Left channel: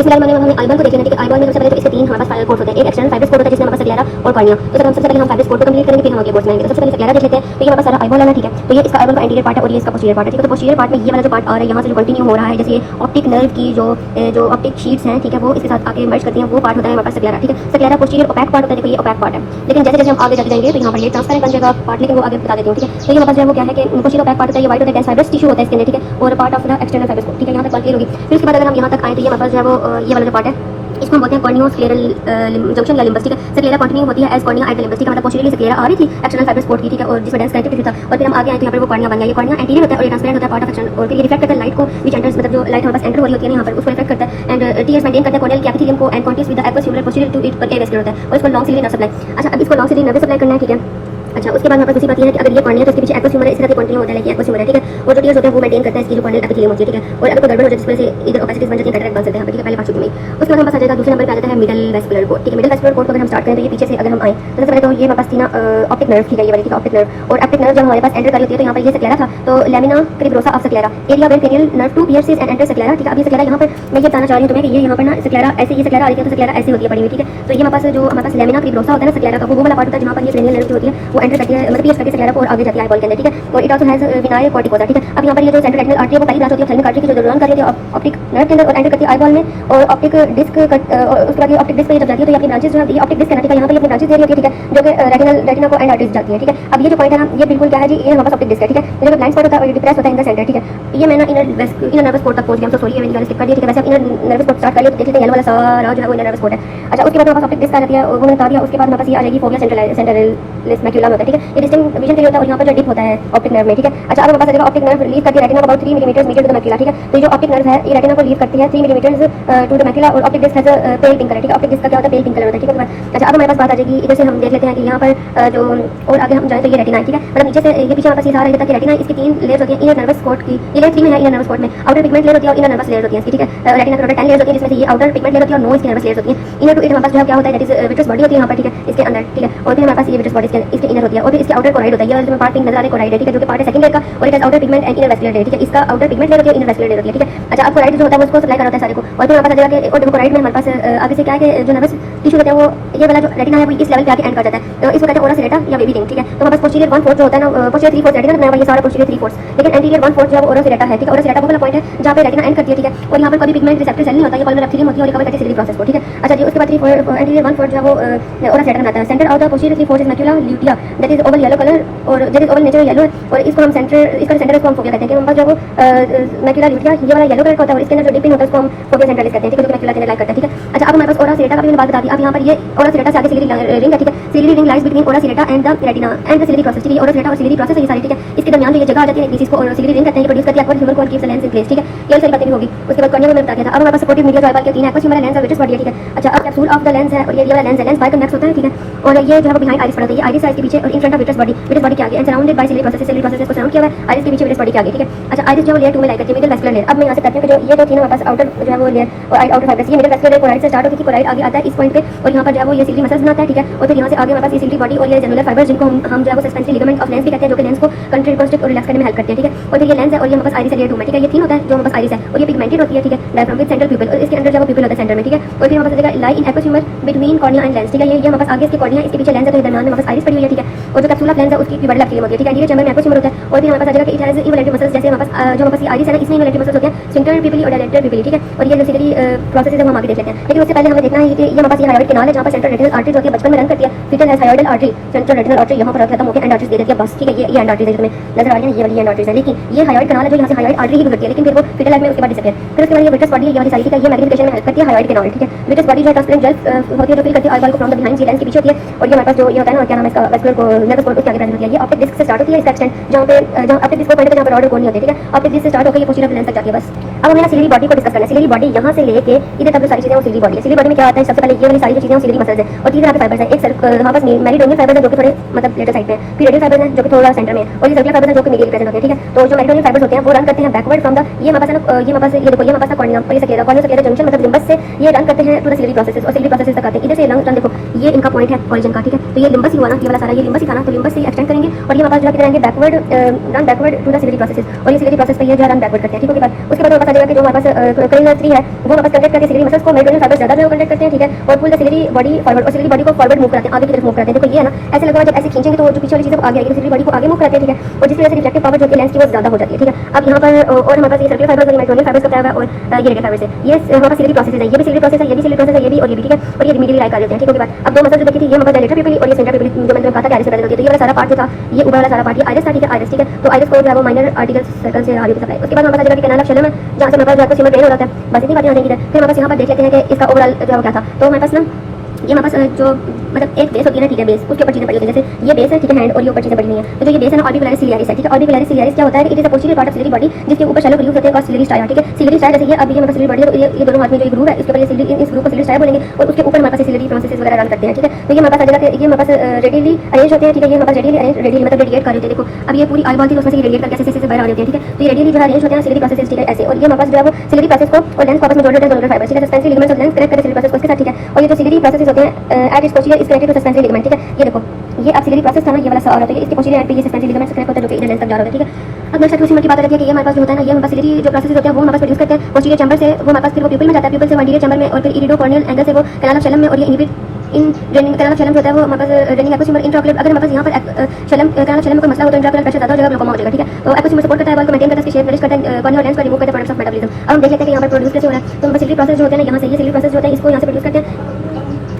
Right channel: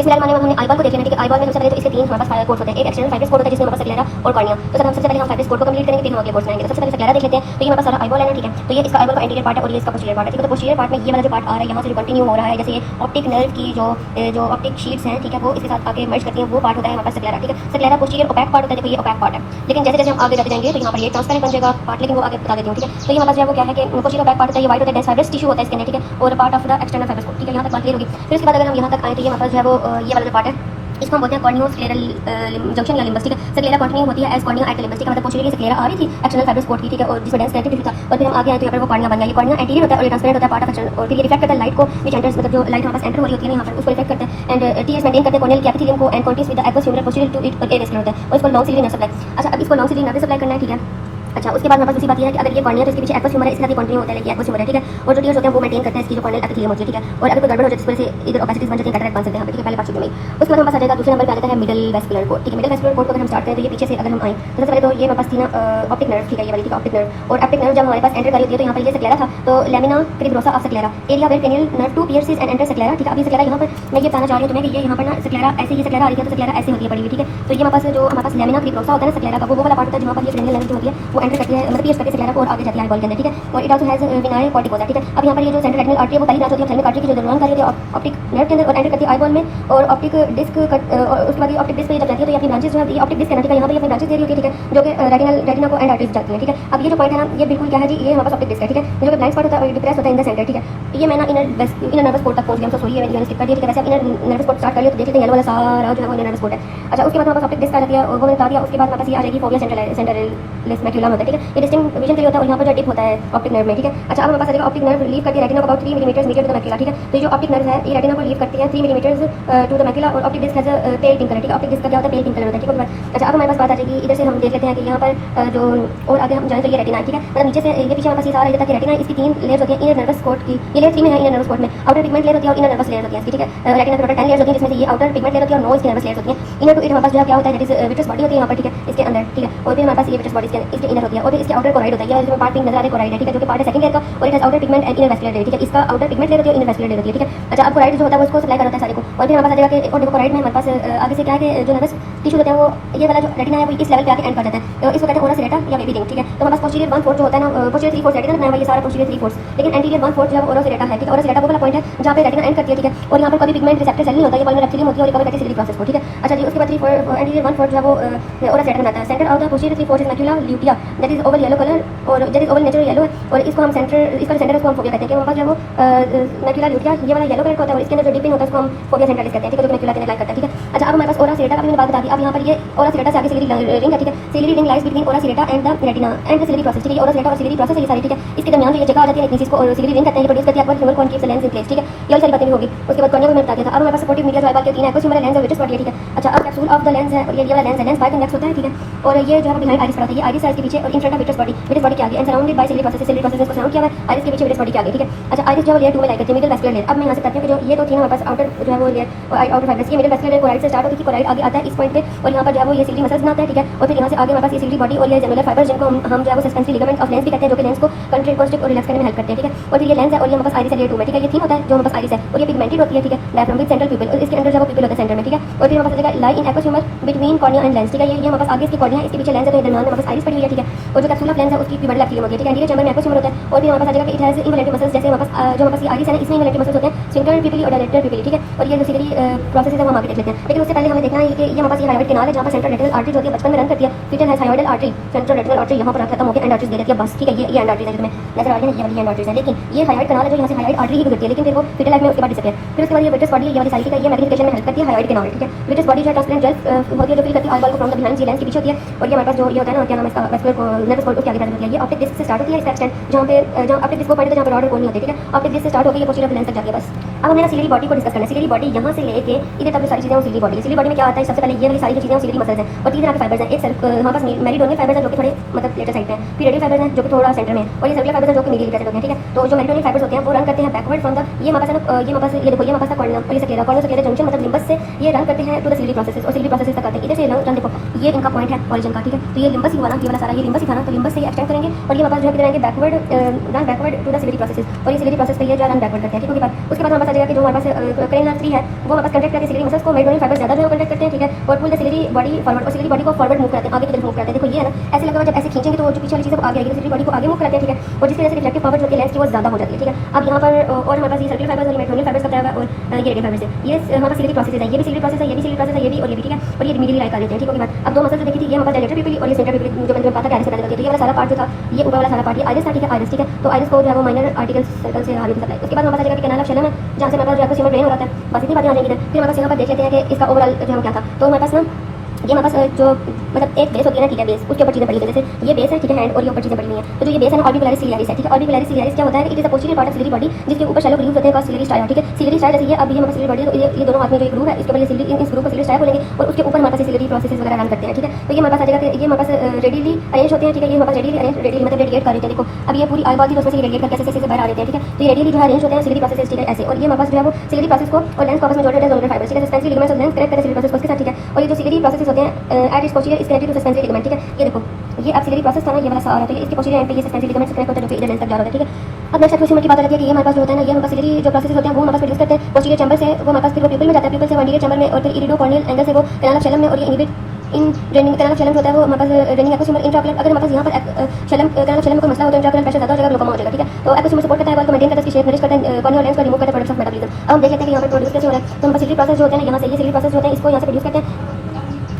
इसके बाद हमें आईबॉल को देखना है। ठीक है, आईबॉल में सबसे पहले तो इसके तीन हमारे पास फाइबर कोर्स होते हैं। एक एक्सटर्नल फाइबर कोर्स होता है जिसमें हमारे स्क्लेरा और कॉर्निया। तो सबसे पहले हम फाइबर कोर्स को कंप्लीट करेंगे, फिर हम आगे कोर्स बनाएंगे। तो सबसे पहले स्क्लेरा देख लेते हैं। तो ये हमारे पास सारा आईबॉल है। ठीक है, तो ये इसका आईबॉल का एंटीरियर पार्ट है और ये इसका पोस्टीरियर पार्ट है। ठीक है, तो पोस्टीरियर पार्ट में ये वाला जो पार्ट आ रहा है यहाँ से जो कंटिन्यू हो रहा है, जैसे ये ऑप्टिक नर्व की जो ऑप्टिक शीट्स हैं, ठीक है, वो इसके साथ आके मर्ज करती हैं, वो पार्ट होता है हमारे पास स्क्लेरा। ठीक है, स्क्लेरा पोस्टीरियर ओपैक पार्ट होता है। देखो ये ओपैक पार्ट है, लेकिन जैसे जैसे हम आगे चलते जाएंगे तो यहाँ पर ये ट्रांसपेरेंट बन जाएगा पार्ट, लेकिन वो आगे बता देती हूँ। ठीक है, तो ये हमारे पास जो है वो क्या है कि पोस्टीरियर ओपैक पार्ट होता है, ये व्हाइट होता है, फाइबरस टिश्यू होता है इसके अंदर। ठीक है, और part of the external fibres को। ठीक है, यहाँ पे बात क्लियर होगी। फिर उसके बाद अगर हम यहाँ तक आए तो ये हमारे पास जो है वो ये वाला जो पार्ट है इसको हम बोलते हैं कॉर्नियो स्क्लेरल जंक्शन या लिम्बस। ठीक है, स्क्लेरा कंटिन्यू होती है as cornea at the limbus. ठीक है, मतलब पोस्टीरियरली स्क्लेरा आ रही थी एक्सटर्नल फाइबर सपोर्ट की। ठीक है, और जिसमें डेंस कनेक्टिव था, और फिर हम आगे आए तो यहाँ पर वो कॉर्निया बन गया। ये कॉर्निया एंटीरियर होता है और ये ट्रांसपेरेंट होता है पार्ट ऑफ एक्सटर्नल, और फिर रिफ्लेक्ट करता है लाइट को, व्हिच एंटर्स, मतलब जो लाइट हमारे पास एंटर हो रही होती है यहाँ पर, उसको रिफ्लेक्ट करता है एंड टीएस मेंटेन करता है कॉर्नियल कैपिटिलियम को and continuous with the aqueous humoral posterior to it और ए वेस्कुलर होता है, और इसको लॉन्ग सिलियरी नर्व सप्लाई। अच्छा, अब इसको लॉन्ग सिलियरी नर्व सप्लाई करना है। ठीक है, अच्छा, उसके बाद हमारे पास दूसरी बात ये है कि अगर ये कॉर्निया तो इसके पीछे एक्वस ह्यूमर है, इसका भी कंटिन्यू होता है, लेकिन एक्वस ह्यूमर है। ठीक है, और जो टीयर्स होते हैं वो मेंटेन करता है इसकी जो कॉर्नियल एपिथेलियम होती है। ठीक है, और अगर कोई गड़बड़ हो जाए जिसमें से इधर ओपेसिटीज बन जाती है, कैटरेक्ट बन सकते हैं। ठीक है, पहले बात चुकी मैं। उसके बाद हमारे पास आ जाएगा दूसरे नंबर पे आ जाता है मिडल वेस्कुलर कोड। ठीक है, मिडल वेस्कुलर कोड को अगर हम स्टार्ट करें तो ये पीछे से अगर हम आए तो सबसे पहले तो ये हमारे पास थी ना ऑप्टिक नर्व। ठीक है, ये वाली थी ऑप्टिक नर्व, और ऑप्टिक नर्व जब हमारे पास एंटर कर होती है तो यहाँ पर ये स्क्लेरा था, तो lamina cribrosa of sclera area where cranial nerve two pierces and enter sclera. ठीक है, अब ये स्क्लेरा यहाँ पर मैं ये बताना चाह रही हूँ तुम्हें कि ये यहाँ पर ना स्क्लेरा ऐसे, ये स्क्लेरा आ रही है तो स्क्लेरा ऐसे होती है पड़ी हुई। ठीक है, तो ये हमारे पास जो हमारे पास लेमिना क्रिब्रोसा होता है ना स्क्लेरा का, वो वाला पार्ट होता है जहाँ पर ये क्रेनियल नर्व होती है वो एंटर करती है, मतलब पियर्स करके स्क्लेरा को और आगे जाती है आईबॉल के अंदर। ठीक है, और इट आल्सो हैज विनाइल कॉर्टिकोसा। ठीक है, अब यहाँ पर ये जो सेंट्रल रेटिनल आर्टरी है वो पहली बात होती है थैलेमिक आर्टरी की, जो रन कर रही है ऑप्टिक नर्व के अंदर और एंटर करती है आईबॉल में, और ऑप्टिक डिस्क उसके बाद ऑप्टिक डिस्क पे जब जाती है तो ये अपनी ब्रांचेस जो है, ये ऑप्टिक डिस्क है, यहाँ पर अपनी ब्रांचेस दे रही होती है। ठीक है, जो कि रेटिना को एंड आर्टरीज जाती है। ठीक है, अब ये जो पॉइंट है ना, ये बिल्कुल क्या है जी, ये हमारे पास ऑप्टिक डिस्क है। ठीक है, जो ब्लाइंड स्पॉट होता है वो डिप्रेस होता है इन द सेंटर। ठीक है, ये मैंने इनर नर्वस स्पॉट तक पहुंच गया, सॉरी ये मैंने स्किप कर दिया। ठीक है, वैसे इनर नर्वस स्पॉट स्टार्ट कर लिया, देखिए येलो वाला सारा जो है वो इनर नर्वस स्पॉट है। अच्छा, उसके बाद हमारे पास ऑप्टिक डिस्क आ जाती है, वो बता दिया। उसके बाद हमारे पास ये आ जाएगी फोविया सेंट्रलिस मैक्यूलम होता है। ठीक है, ये डिस्टिंक्ट विजन के लिए होता है और यहाँ पर जो डिप होता है ऑप्टिक नर्व में। ठीक है, अच्छा, अब हमारे पास आ जाएगा ऑप्टिक नर्व लीव करती है रेटिना को अबाउट 3 मिलीमीटर नीचे टू द मैक्यूला। ठीक है, तो ये जो ऑप्टिक नर्व है ये रेटिना को लीव करती है 3 मिलीमीटर टू द मैक्यूला, और optic disc has pale pink colour. ठीक है, ऑप्टिक डिस्क का क्या होता है, पेल पिंक कलर होता है। ठीक है, अच्छा, अब हमारे पास बात आ जाएगी इधर से हम देख लेते हैं कि यहाँ पर जो और आगे हम जाए तो ये रेटिना है। ठीक है, मतलब नीचे से ये पीछे हमारे पास ये आ रहा है कि रेटिना इसकी 3 लेयर्स होती हैं इनर नर्वस कोट की। ये लेयर 3 में है इनर नर्वस कोट में, आउटर पिगमेंट लेयर होती है और इनर नर्वस लेयर होती है इसकी। ठीक है, रेटिना के टोटल 10 लेयर्स होती हैं, जिसमें से ये आउटर पिगमेंट लेयर होती है और 9 इसकी नर्वस लेयर्स होती हैं। इनर टू इनर हमारे पास जो क्या होता है दैट इज विट्रस बॉडी होती है यहाँ पर। ठीक है, इसके अंदर। ठीक है, और फिर हमारे पास ये विट्रस बॉडी इसके इनर होती है, और फिर इसके आउटर कोराइड होता है, ये जो पार्ट पिंक नजर आ रहा है कोराइड है। ठीक है, जो कि पार्ट है सेकंड लेयर का, और it has outer pigment and inner vascular layer. ठीक है, इसका आउटर पिगमेंट लेयर होती है, इनर वेस्कुलर लेयर होती है। ठीक है, अच्छा, अब कोराइड जो होता है उसको सप्लाई करता है सारे को, और फिर हमारे पास आ जाएगा कि और कोराइड में हमारे पास आगे से क्या है कि जो नर्वस टिश्यू होता है वो ये वाला जो रेटिना है वो इस लेवल पे आके एंड कर जाता है, तो इसको कहते हैं ओरा सिलेटा या बेबी रिंग। ठीक है, तो हमारे पास पोस्टीरियर 1/4 जो होता है ना, पोस्टीरियर 3/4 रेटिना में ये सारा पोस्टीरियर 3/4, लेकिन एंटीरियर 1/4 जो है वो ओरा सिलेटा है। ठीक है, ओरा सिलेटा वो वाला पॉइंट है जहाँ पे रेटिना एंड करती है। ठीक है, और यहाँ पर कभी पिगमेंट रिसेप्टर सेल नहीं होता, ये पाल्मर एपिथेलियम होती है और रिकवर करके सिलेरी प्रोसेस को। ठीक है, अच्छा जी, उसके बाद एंटीरियर 1/4 जो है वो ओरा सिलेटा में आता है। Centre of the posterior 3/4 is macula lutea that is oval yellow colour, और that is oval nature yellow है, और इसको हम सेंटर, इसका सेंटर इसको हम फोविया कहते हैं। कि जो वो मैक्यूला ल्यूटिया ये वाला येलो कलर का होता है और इसके अंदर जो डिपिंग होता है उसको हम फोविया सेंट्रलिस कहते हैं। ठीक है, जो मैक्यूला के लाइक करता है। ठीक है, अच्छा, अब हमारे पास ओरा सिलेटा का भी मैंने बात बता दी। अब यहाँ पर ये ओरा सिलेटा से आगे सिलेरी रिंग है। ठीक है, ciliary ring lies between ora serrata and the retina and the ciliary process. ठीक है, ओरा सिलेटा और सिलेरी प्रोसेस है ये सारी। ठीक है, इसके दरमियान जो ये जगह आ जाती है इसको सिलेरी रिंग कहते हैं, प्रोड्यूस करती है एक्वस ह्यूमर को keeps the lens in place. ठीक है, ये सारी बातें भी होगी। उसके बाद कॉर्निया में बता दिया था। अब हमारे पास सपोर्टिव मीडिया जो आईबॉल के 3 एक्वस ह्यूमर लेंस और विट्रस बॉडी है। ठीक है, अच्छा, अब कैप्सूल ऑफ द लेंस है और ये वाला लेंस है, लेंस बाइकन्वेक्स होता है। ठीक है, और ये जो है वो बिहाइंड आइरिस पर होता है, ये आइरिस है इसके पीछे और in front of vitreous body के आगे and surrounded by ciliary process. Ciliary process को सराउंड किया हुआ है आइरिस के पीछे विट्रस बॉडी के आगे। ठीक है, अच्छा, आइरिस जो लेयर 2 में लाइक करती है मिडल वेस्कुलर लेयर। अब मैं यहाँ से कहती हूँ कि जो ये जो थी ना हमारे पास आउटर जो है वो लेयर और आउटर फाइबर्स, ये मिडल वेस्कुलर लेयर कोराइड से स्टार्ट होती है, कोराइड आगे आता है इस पॉइंट पे, और यहाँ पर जो है वो ये सिलेरी मसल्स बनाता है। ठीक है, और फिर यहाँ से आगे हमारे पास ये सिलेरी बॉडी और ये जेलुलर फाइबर्स जिनको हम जो है वो सस्पेंसिव लिगामेंट ऑफ लेंस भी कहते हैं, जो कि लेंस को कंट्रास्ट और रिलैक्स करने में हेल्प करते हैं। ठीक है, और फिर ये लेंस है और ये हमारे पास आइरिस है लेयर 2 में। ठीक है, ये तीन होता है जो हमारे पास आइरिस है, और ये पिगमेंटेड होती है। ठीक है, डायफ्राम विद सेंट्रल पिपल, और इसके अंदर जो है पिपल होता है सेंटर में। ठीक है, और फिर हमारे पास lie in aqueous humour between cornea and lens. ठीक है, ये हमारे पास आगे इसकी कॉर्निया, इसके पीछे लेंस है, दरमियान में हमारे पास आइरिस पड़ी हुई है। ठीक है, और जो कैप्सूल ऑफ लेंस है उसकी बड़ी एपिथेलियम होती है। ठीक है, एंटीरियर चैम्बर में एक्वस ह्यूमर होता है, और फिर हमारे पास आ जाएगा कि इट हैज इन्वॉल्यूटरी मसल्स, जैसे हमारे पास जो हमारे पास ये आइरिस है ना इसमें इन्वॉल्यूटरी मसल्स होते हैं, स्फिंक्टर पिपली और डायलेटर पिपली। ठीक है, और ये जो सिलेरी प्रोसेस है वो हम आगे देख लेते हैं। लेकिन उससे पहले हमें देखना है कि ये हमारे पास ये हाइड्रोइड कैनाल है जहाँ पर सेंट्रल रेटिनल आर्टरी जो कि बचपन में रन करती है। Foetal has hyaloid artery, central retinal artery यहाँ पर खत्म होकर एंड आर्टरीज दे देती है बस। ठीक है, ये एंड आर्टरीज इसमें नजर आ रही है, ये वाली एंड आर्टरीज है, लेकिन ये हाइड्रोइड कैनाल है जो यहाँ से हाइड्रोइड आर्टरी की गुजरती है, लेकिन फिर वो फीटल लाइफ में उसके बाद डिसअपियर। फिर उसके बाद ये विट्रस बॉडी ये वाली साइड का ये मैग्नीफिकेशन में हेल्प करती है हाइड्रोइड कैनाल। ठीक है, विट्रस बॉडी जो है ट्रांसपेरेंट जेल होती है जो फिल करती है आईबॉल को फ्रॉम द बिहाइंड लेंस के पीछे होती है, और ये हमारे पास जो ये होता है ना क्या नाम है इसका वेस्कुलर नर्वस कोड उसके आगे प्रेजेंट होती है। ये ऑप्टिक डिस्क से स्टार्ट होती है, इसका एक्सटेंड जो होते हैं जो ऑप्टिक डिस्क पॉइंट पे जहाँ पर ऑर्डर कोड नहीं होती। ठीक है, ऑप्टिक डिस्क से स्टार्ट होकर ये पोस्टीरियर लेंस तक जाती है बस। अब हमें सिलेरी बॉडी को डिस्कस करना है। सिलेरी बॉडी यहाँ से लेके इधर तक जो सारी चीजें वो सिलेरी बॉडी है। सिलेरी बॉडी में क्या आता है, सबसे पहले ये वाली सारी जो चीजें सिलेरी मसल्स है, और तीन तरह के फाइबर्स है। एक सेल्फ हमारे पास मेरिटोनियल फाइबर्स है जो कि थोड़े मतलब लेटर साइड में है, फिर रेडियल फाइबर्स है जो कि थोड़ा सेंटर में है, और ये सर्कुलर फाइबर्स है जो कि मीडियल प्रेजेंट होते हैं। ठीक है, तो जो मेरिटोनियल फाइबर्स होते हैं वो रन करते हैं बैकवर्ड फ्रॉम द ये हमारे पास ये हमारे पास ये देखो ये हमारे पास कॉर्निया और ये सकेरा कॉर्निया सकेरा जंक्शन मतलब लिम्बस से ये रन करते हैं पूरा सिलेरी प्रोसेस, और सिलेरी प्रोसेस तक आते हैं। इधर से लंग देखो ये इनका पॉइंट है ऑरिजिन का। ठीक है, तो ये लिम्बस ही हुआ ना, ये वाला सारा ये लिम्बस ही था ना, तो लिम्बस से एक्सटेंड करेंगे और ये हमारे पास जो है किधर आएंगे backward run backward to the ciliary process, और ये सिलेरी प्रोसेस पे ये जो रन बैकवर्ड करते हैं। ठीक है, उसके बाद हमारे आ जाएगा कि जो हमारे पास क्रेनियल नर्व 3 है वो हमारे पास कंडक्ट करके सिलेरी मसल्स को मेडोनियल फाइबर ज्यादा जो कंडक्ट करते हैं, ठीक है, और pull the ciliary body forward, और सिलेरी बॉडी को फॉरवर्ड मूव कराते हैं, आगे की तरफ मूव कराते हैं। देखो ये है ना, ऐसे लगा जब ऐसे खींचेंगे तो जो पीछे वाली चीज आगे आएगी, सिलेरी बॉडी को आगे मूव कराते हैं, ठीक है, और जिसकी वजह से रिफ्लेक्टिव पावर जो कि लेंस की वो ज्यादा हो जाती है, ठीक है। अब यहाँ पर और हमारे पास ये सर्कुलर फाइबर्स और मेडोनियल फाइबर्स होता है और ये रेडियल फाइबर्स है, ये हमारे पास सिलेरी प्रोसेस है, ये भी सिलेरी प्रोसेस है, ये भी सिलेरी प्रोसेस है, ये भी और ये भी, ठीक है, और ये मीडियली लाइक आ जाते हैं, ठीक है। बात अब दो मसल्स देखी थी, ये हमारा डायलेटर पिपली और ये सेंटर पिपली जो मैंने कहा था कि आइरिस से पैदा होती है, तो ये वाला सारा पार्ट जो था, ये ऊपर वाला सारा पार्ट ये आइरिस था, ठीक है, आइरिस, ठीक है, तो आइरिस को क्या वो माइनर आर्टिकल सर्कल से आगे सप्लाई। उसके बाद हमारे पास जगह कैनाल ऑफ शेलम है जहाँ से हमारे पास जो है सीमा ड्रेन हो रहा है, बस इतनी बातें हो जाएंगी। फिर हमारे पास यहाँ पर देख लेते हैं कि इसका ओवरऑल जो है क्या था। तो हमारे पास ना ये हमारे पास जो मतलब एक बेस होती है ना, ठीक है, बेस उसके ऊपर चीजें पड़ी होती है, जैसे ये बेस है, ठीक है, हैंड और ये ऊपर चीजें पड़ी हुई हैं। तो जो ये बेस है ना ऑर्बिकुलरिस सिलियरिस है, ठीक है, ऑर्बिकुलरिस सिलियरिस क्या होता है कि it is a posterior part of ciliary body जिसके ऊपर शैलो ग्रूव होते हैं, सिलेरी स्टाया, ठीक है, सिलेरी स्टाया जैसे ये अब ये हमारे सिलेरी बॉडी है, तो ये दोनों हाथ में जो ग्रूव है इसके बाद सिलेरी इस ग्रूव को सिलेरी स्टाया बोलेंगे और उसके ऊपर हमारे पास सिलेरी प्रोसेसेस वगैरह रन करते हैं, ठीक है। तो ये हमारे पास आ जाएगा, ये हमारे पास रेडियली अरेंज होते हैं, ठीक है, ये हमारे पास रेडियली अरेंज रेडियली मतलब रेडिएट कर रहे हैं। देखो अब ये पूरी आईबॉल थी उसमें से रेडिएट करके ऐसे बाहर आ रही है, ठीक है, तो ये रेडियली जो है अरेंज होते हैं सिलेरी प्रोसेसेस, ठीक है, ऐसे। और ये हमारे पास जो है वो सिलेरी प्रोसेस को और लेंस आपस में जोड़ देते हैं, दोनों फाइबर, ठीक है, सस्पेंसरी लिगामेंट्स और लेंस कनेक्ट करते हैं सिलेरी प्रोसेस को इसके साथ, ठीक है। और ये जो सिलेरी प्रोसेसेस होते हैं at its posterior is connected to suspensory ligament, ठीक है, ये देखो ये अब सिलेरी प्रोसेस था ना, ये वाला सारा, ठीक है, इसके पोस्टीरियर एंड पे ये सस्पेंसरी लिगामेंट से कनेक्ट होता है जो कि इनर लेंस तक जा रहा है, ठीक है। अब नेक्स्ट क्वेश्चन की बात करते हैं कि ये हमारे पास होता है ना, ये हमारे पास सिलेरी जो प्रोसेस होते हैं वो हमारे पास प्रोड्यूस करते हैं पोस्टीरियर चैम्बर से, वो हमारे पास फिर वो प्यूपल में जाता है, प्यूपल से एंटीरियर चैम्बर में और फिर इरिडोकॉर्नियल एंगल से वो कैनाल ऑफ शेलम में, और ये inhibit in draining canal of Schlemm होता है वो हमारे पास ड्रेनिंग एपोसिमर इंट्राओकुलर। अगर हमारे पास यहाँ पर शेलम कैनाल ऑफ शेलम का मसला हो तो इंट्राओकुलर प्रेशर ज्यादा हो जाएगा, ग्लूकोमा हो जाएगा, ठीक है। तो एपोसिमर सपोर्ट करता है बॉल को मेंटेन करता है, इसकी शेप रिलीज करता है, कॉर्नियल लेंस को रिमूव करता है, प्रोडक्शन ऑफ मेटाबॉलिज्म। अब हम देख लेते हैं कि यहाँ पर प्रोड्यूस कैसे हो रहा है। तो हमारे सिलेरी प्रोसेस जो होते हैं यहाँ से, ये सिलेरी प्रोसेस जो होता है इसको यहाँ से प्रोड्यूस करते हैं,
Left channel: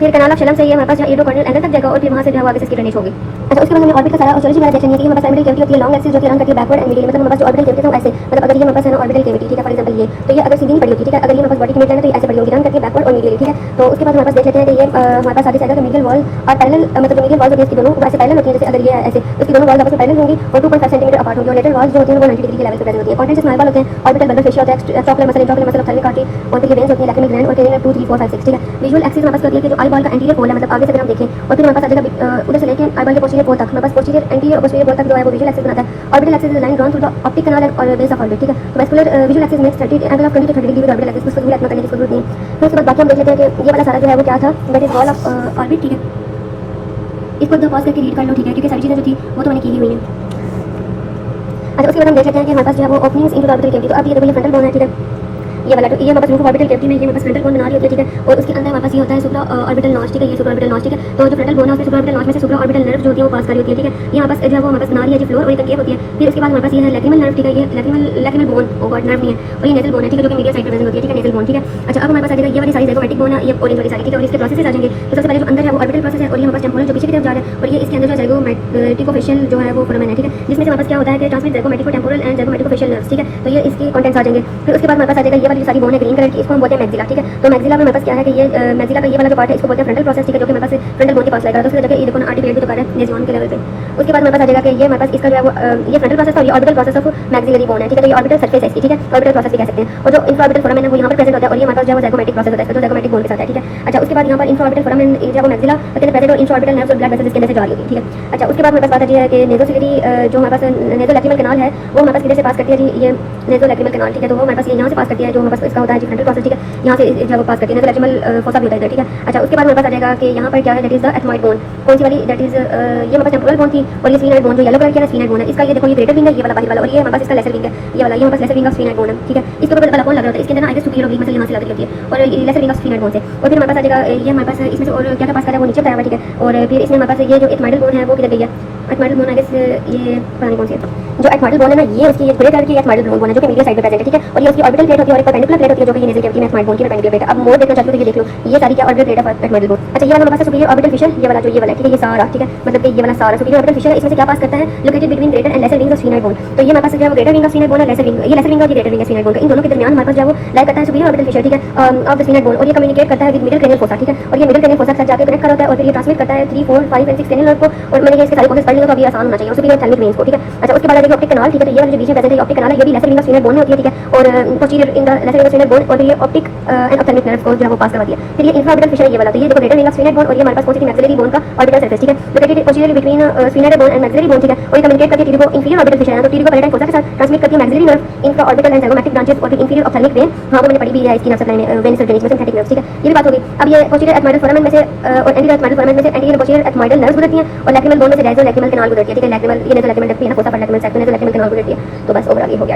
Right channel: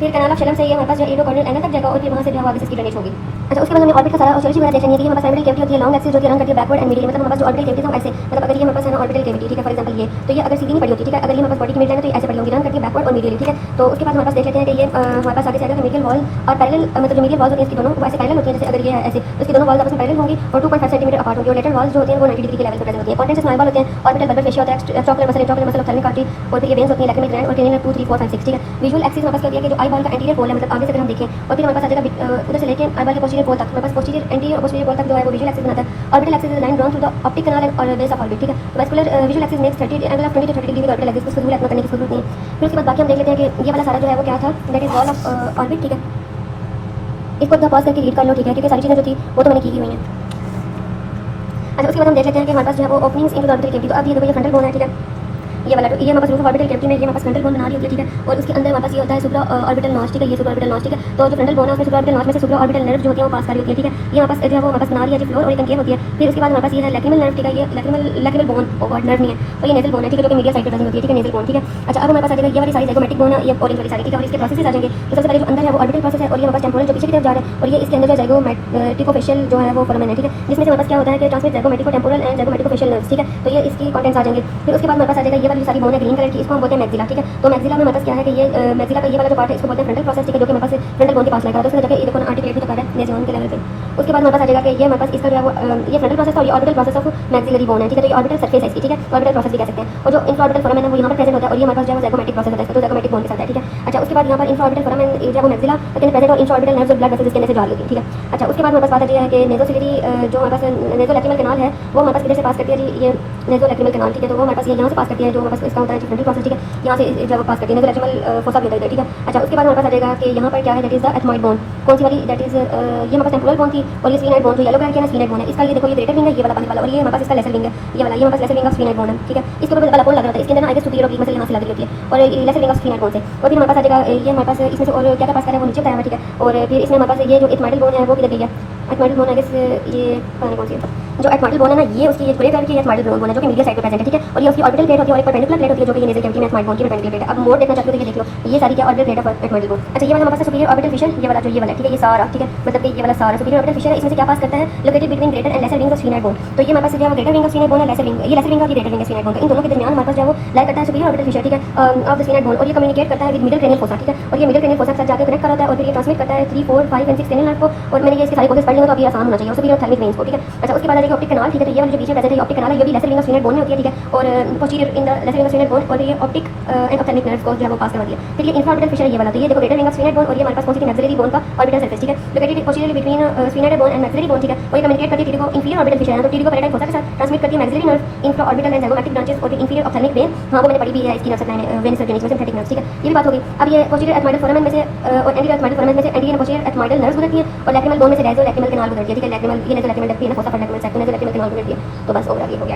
फिर कैनाल ऑफ शेलम से ये हमारे पास इरिडोकॉर्नियल एंगल तक जाएगा और फिर वहाँ से जो है आगे से इसकी ड्रेनेज होगी। अच्छा, उसके बाद हमें ऑर्बिट का सारा ऑस्टियोलॉजी वाला सेक्शन है कि हमारे पास प्राइमरी कैविटी होती है, लॉन्ग एक्सिस जो कि रन करती है बैकवर्ड एंड मिडिल, मतलब हमारे पास जो ऑर्बिटल कैविटी है ऐसे, मतलब अगर ये हमारे पास है ना ऑर्बिटल कैविटी, ठीक है, फॉर एग्जांपल ये, तो ये अगर सीधी नहीं पड़ी होती, ठीक है, अगर ये हमारे पास बॉडी की मिड है तो ऐसे पड़ी होगी, रन करती है बैकवर्ड और मिडिल, ठीक है। तो उसके बाद हमारे पास देख लेते हैं कि ये हमारे पास आगे से अगर मीडियल वॉल और पैरेलल मतलब जो मीडियल वॉल्स होती है इसकी दोनों वैसे पैरेलल होती है, जैसे अगर ये ऐसे उसकी दोनों वॉल्स आपस में पैरेलल होंगी और 2.5 सेंटीमीटर अपार्ट होंगी, और लेटर वॉल्स जो होती हैं वो 90 डिग्री के लेवल पे प्रेजेंट होती है। कॉन्टेंट्स ऑफ आईबॉल होते हैं, ऑर्बिटल बंडल फेशिया होता है, extraocular muscle, intraocular muscle, ophthalmic artery, और फिर ये वेन्स होती है, लैक्रिमल ग्लैंड और क्रेनियल 2 3 4 5 6, ठीक है। विजुअल एक्सिस हमारे पास होती है कि जो आईबॉल का एंटीरियर पोल है, मतलब आगे से अगर हम देखें, और फिर हमारे पास आ जाएगा उधर से लेके आईबॉल के पोस्टीरियर पोल तक, हमारे पास पोस्टीरियर एंटीरियर और पोस्टीरियर पोल तक जो है वो विजुअल एक्सिस बनाता है। Orbital axis is line drawn through the optic canal और बेस ऑफ ऑर्बिट, ठीक है। Vascular visual axis makes 30 angle of 20 to 30 degree orbital axis को सिंगल करने की जरूरत नहीं है। फिर उसके बाद बाकी हम देख लेते हैं कि ये वाला सारा जो है वो क्या था, that is wall of orbit, ठीक है। इसको एकदम पास करके रीड कर लो, ठीक है, क्योंकि सारी चीजें जो थी वो तो मैंने की हुई है। अच्छा, उसके बाद हम देख लेते हैं कि हमारे पास जो है वो ओपनिंग्स इन ऑर्बिटल कैविटी, तो अब ये देखो ये फ्रंटल बोन है, ठीक है, ये वाला, तो ये हमारे पास ऑर्बिटल कैविटी में ये हमारे पास फ्रंटल बोन बना रही होती है, ठीक है, और उसके अंदर हमारे पास ये होता है सुप्रा ऑर्बिटल नॉच, ठीक है, ये सुप्रा ऑर्बिटल नॉच, ठीक है। तो जो फ्रंटल बोन है उसमें सुप्रा ऑर्बिटल नॉच में से सुप्रा ऑर्बिटल नर्व जो होती है वो पास कर रही होती है, ठीक है। ये हमारे पास जो है वो हमारे पास बना रही है जो फ्लोर और ये कंकेव होती है। फिर इसके बाद हमारे पास ये है लैक्रिमल नर्व, ठीक है, ये लैक्रिमल बोन ओवर नर्व नहीं है, और ये नेजल बोन है, ठीक है, जो कि मीडियल साइड पे प्रेजेंट होती है, ठीक है, नेजल बोन, ठीक है। अच्छा, अब हमारे पास आ जाएगा ये वाली साइड ज़ाइगोमैटिक बोन है, ये ऑरेंज वाली साइड, ठीक है, और इसके प्रोसेसेस आ जाएंगे। तो सबसे पहले जो अंदर है वो ऑर्बिटल प्रोसेस है और ये हमारे पास टेम्पोरल जो पीछे की तरफ जा रहा है, और ये इसके अंदर जो ज़ाइगोमैटिकोफेशियल जो है वो फोरामेन है, ठीक है, जिसमें से हमारे पास क्या होता है कि ट्रांसमिट ज़ाइगोमैटिको टेम्पोरल एंड ज़ाइगोमैटिकोफेशियल नर्व्स, ठीक है। तो ये इसके कंटेंट्स आ जाएंगे। फिर उसके बाद हमारे पास आ जाएगा ये वाली सारी बोन है ग्रीन कलर की, इसको हम बोलते हैं मैक्सिला, ठीक है। तो मैक्सिला में हमारे पास क्या है कि ये मैक्सिला का ये वाला जो पार्ट है इसको बोलते हैं फ्रंटल प्रोसेस, ठीक है, जो कि हमारे पास फ्रंटल बोन के पास लगेगा। तो उसमें जाके ये देखो आर्टिकुलेट कर रहा है नेज़ोन के लेवल पे। उसके बाद हमारे पास आ जाएगा कि ये हमारे पास इसका जो है वो ये फ्रंटल प्रोसेस और ये orbital process of maxillary bone है, ठीक है, तो ये ऑर्बिटल सरफेस है इसकी, ठीक है, ऑर्बिटल प्रोसेस भी कह सकते हैं। और जो इंफ्राऑर्बिटल फोरामेन है वो यहाँ पर प्रेजेंट होता है और ये हमारे पास जो है वो ज़ाइगोमैटिक प्रोसेस होता है, तो ज़ाइगोमैटिक बोन के साथ है, ठीक है। अच्छा, उसके बाद यहाँ पर इंफ्राऑर्बिटल फोरामेन जो है वो मैक्सिला के प्रेजेंट और इंट्राऑर्बिटल नर्व्स और ब्लड वेसल्स के अंदर से जा रही है, ठीक है। अच्छा, उसके बाद हमारे पास बात आती है कि नेज़ोसिलरी जो हमारे पास नेज़ोलैक्रिमल कैनाल है वो हमारे पास किधर से पास करती है जी, ये नेज़ोलैक्रिमल कैनाल, ठीक है, तो वो हमारे पास ये यहाँ से पास करती है, जो हमारे पास इसका होता है जी फ्रंटल प्रोसेस, ठीक है, यहाँ से जो वो पास करती है नेज़ोलैक्रिमल फोसा होता है, ठीक है। अच्छा, उसके बाद हमारे पास आ जाएगा कि यहाँ पर क्या है, that is the ethmoid bone, कौन सी वाली, दैट इज ये हमारे पास टेम्पोरल बोन थी और ये स्फीनोइड बोन जो येलो कलर की है ना स्फीनोइड बोन है, इसका ये देखो ये ग्रेटर विंग है, ये वाला बाहर वाला, और ये हमारे पास इसका लेसर विंग है, ये वाला, ये हमारे पास lesser wing of sphenoid bone है, ठीक है। इसके ऊपर वाला बोन लग रहा है, इसके अंदर आइगस सुपीरियर ऑब्लिक मसल यहाँ से लग रही होती है और ये lesser wing of sphenoid bone से। और फिर हमारे पास आ जाएगा ये हमारे पास इसमें से और क्या पास कर रहा है वो नीचे बताया हुआ, ठीक है। और फिर इसमें हमारे पास ये जो एथमॉइडल बोन है वो किधर गई है, एथमॉइडल बोन आइगस ये पता नहीं कौन सी जो एथमॉइडल बोन है ना, ये उसकी ग्रे कलर की एथमॉइडल बोन है जो कि मीडियल साइड पे प्रेजेंट है, ठीक है, और ये उसकी ऑर्बिटल प्लेट होती है और एक परपेंडिकुलर प्लेट होती है जो कि नेज़ल कैविटी में एथमॉइड बोन की परपेंडिकुलर प्लेट है। अब मोर देखना चाहते हो तो ये देख लो, ये सारी क्या orbital plate of ethmoidal bone. अच्छा, ये वाला हमारे पास सुपीरियर ऑर्बिटल फिशर, ये वाला जो ये वाला, ठीक है, ये सारा, ठीक है, मतलब कि ये वाला सारा सुपीरियर ऑर्बिटल फिशर है, इसमें से क्या पास करता है, located between greater and lesser wing of sphenoid bone. तो ये हमारे पास जो है greater wing of sphenoid bone है, लेसर विंग, ये लेसर विंग और ये greater wing of sphenoid bone, इन दोनों के दरमियान हमारे पास जो है वो लाइक करता है सुपीरियर ऑर्बिटल फिशर, ठीक है, ऑफ द स्फीनोइड बोन, और ये कम्युनिकेट करता है विद मिडल क्रेनियल फोसा, ठीक है, और ये मिडल क्रेनियल फोसा के साथ जाके कनेक्ट कर होता है और फिर ये ट्रांसमिट करता है 3 4 5 एंड 6 क्रेनियल नर्व को, और मैंने ये इसके सारे प्रोसेस पढ़ लिए तो अभी आसान होना चाहिए, सुपीरियर ऑप्थेल्मिक वेन्स को, ठीक है। अच्छा, उसके बाद आ जाएगा ऑप्टिक कैनाल, ठीक है, तो ये वाली जो बीच में प्रेजेंट है ऑप्टिक कैनाल है, ये भी lesser wing of sphenoid bone में होती है, ठीक है, और posterior in the lesser wing of sphenoid bone, और ये ऑप्टिक एंड ऑप्थेल्मिक नर्व्स को जो है वो पास करवाती है। फिर ये इंफ्राऑर्बिटल फिशर है ये वाला, तो ये देखो greater wing of sphenoid bone और ये हमारे पास पोस्टीरियर मैक्सिलरी बोन का ऑर्बिटल सरफेस, ठीक है, located posterior between sphenoid bone and maxillary bone, ठीक है, और ये कम्युनिकेट करती है टीरिको इंफीरियर ऑर्बिटल फिशर है, तो टीरिको पैराडाइन फोसा के साथ ट्रांसमिट करती है maxillary nerve infraorbital and zygomatic branches और इंफीरियर ऑप्थेल्मिक वेन, हाँ मैंने पढ़ी भी है इसकी नर्व सप्लाई में, वेन सर्टेनिक्स में सिंथेटिक नर्व्स, ठीक है, ये भी बात होगी। अब ये पोस्टीरियर एथमॉइडल फोरामेन में से और एंटीरियर एथमॉइडल फोरामेन में से एंटीरियर पोस्टीरियर एथमॉइडल नर्व्स गुजरती हैं और लैक्रिमल बोन में से डायज़ोलैक्रिमल कैनाल गुजरती है, ठीक है, लैक्रिमल ये डायज़ोलैक्रिमल डक्ट है ना फोसा पर लैक्रिमल साइड में डायज़ोलैक्रिमल कैनाल गुजरती है। तो बस ओवरऑल ये हो गया।